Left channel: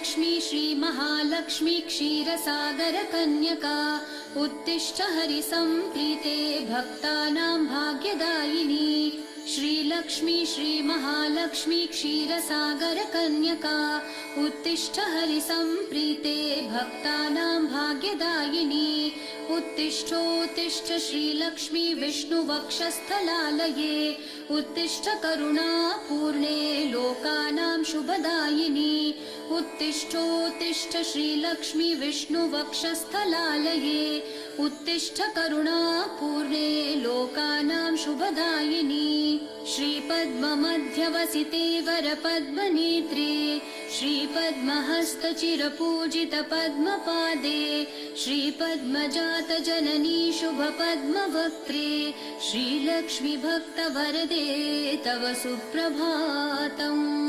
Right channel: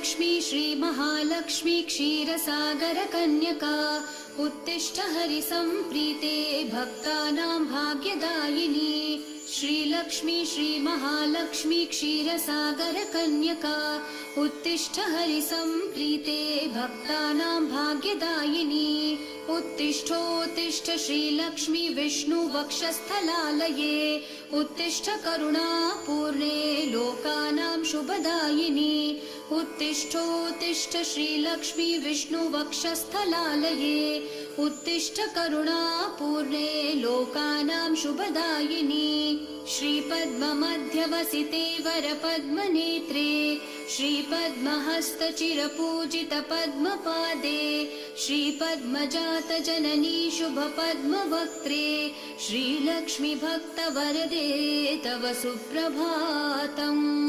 श्रीलक्ष्मी श्रीमहालक्ष्मी क्षीरसागर कन्यका उत्तिष्ठ हरिसम्प्रीते भक्तानां भाग्यदायिनी। श्रीलक्ष्मी श्रीमहालक्ष्मी क्षीरसागर कन्यका उत्तिष्ठ हरिसम्प्रीते भक्तानां भाग्यदायिनी। उत्तिष्ठोत्तिष्ठ श्रीलक्ष्मी विष्णुवक्षस्थलालये उत्तिष्ठ करुणापूर्णे लोकानां शुभदायिनी। उत्तिष्ठोत्तिष्ठ श्रीलक्ष्मी विष्णुवक्षस्थलालये उत्तिष्ठ करुणापूर्णे लोकानां शुभदायिनी। श्रीपद्ममध्यवसिते वरपद्मनेत्रे श्रीपद्महस्तचिरपूजित पद्मपादे श्रीपद्मजात जननी शुभपद्मवक्त्रे श्रीलक्ष्मी भक्तवरदे तव सुप्रभातम्।